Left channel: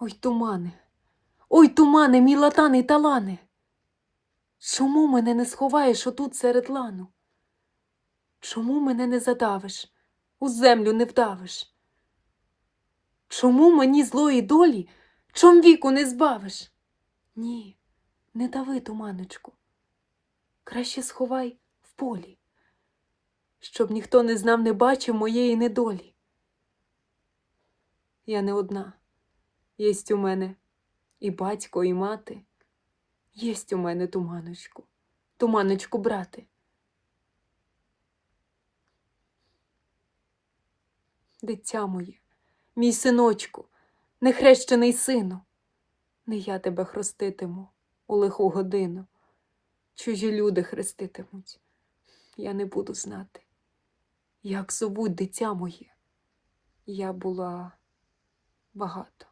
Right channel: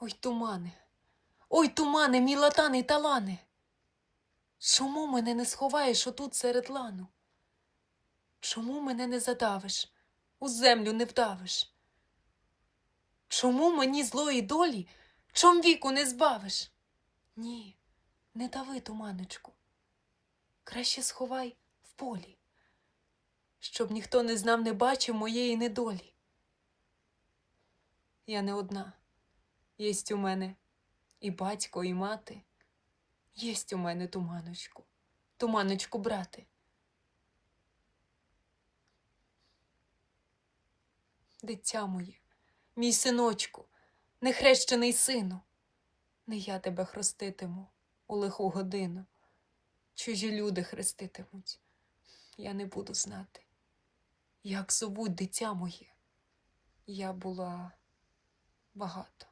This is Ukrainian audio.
Ой, тумане, ой, тумане, мій латаний талане. Чому мене не сховаєш отут серед лану? Чому мене не задавиш, у землю не вдавиш? Чому мені злої долі чом віку не збавиш? Ні, не дави, туманочку. Краще сховай в полі, щоб ніхто не знав, не бачив моєї недолі. Я не одна. Єсть у мене і батько, і мати. Єсть у мене туманочку, туманочку, брате. Дитя моє, мій синочку, нехрещений сину, не я тебе хреститиму у лиху годину. Чужі люди хреститимуть, я не буду знати. Як зовуть дитя моє, я була багато.